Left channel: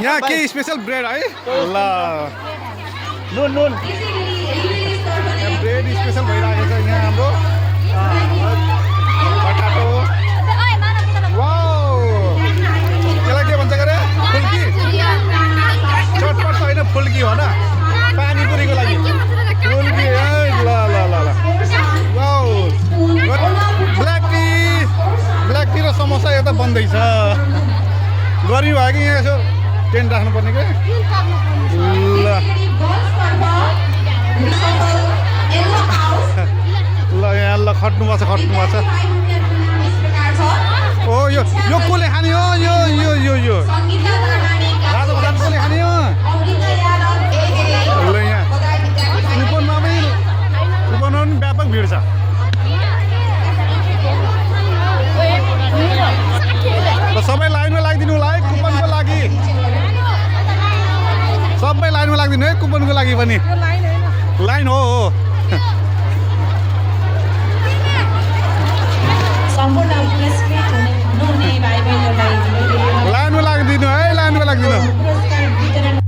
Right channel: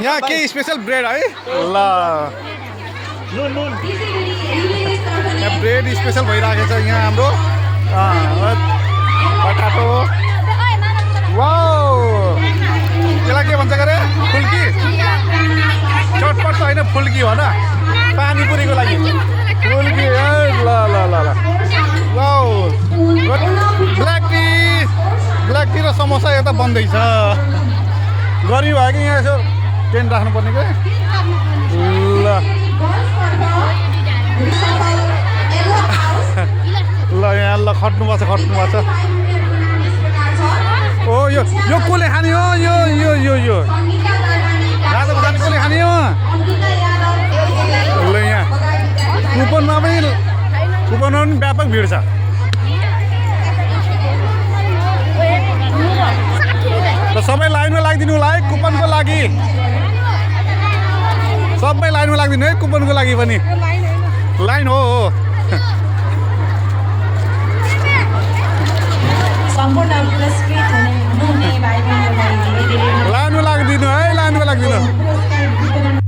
यहाँ के special bread है ल ब्रेड स्पेशल भइरहेको छ यहाँ हाम्रो पटाटो वाउ यसलाई के भन्छ गरे फुल्की चटपट त होइन फुल्की हो न पानीपुरीको लागि फुल्की ल ल ल ल वाउ ब्ल्याक टी र समोसा यता बन्दैछ गर्मी भयो कि यहाँ यसो टेन्ट राख्नुपर्ने के ल ल यहाँ ल खट्नुपर्छ ओ यो कसले खाने हो यो रातो भात कसले खाने हो ल यहाँ कुपनमा पनि व्यापक भिड छ र सबै लाइनमा लागिदिनु होला है कुपनको लागि सबै लाइनमा लागिदिनु है कुपनको लागि पनि लाइन हो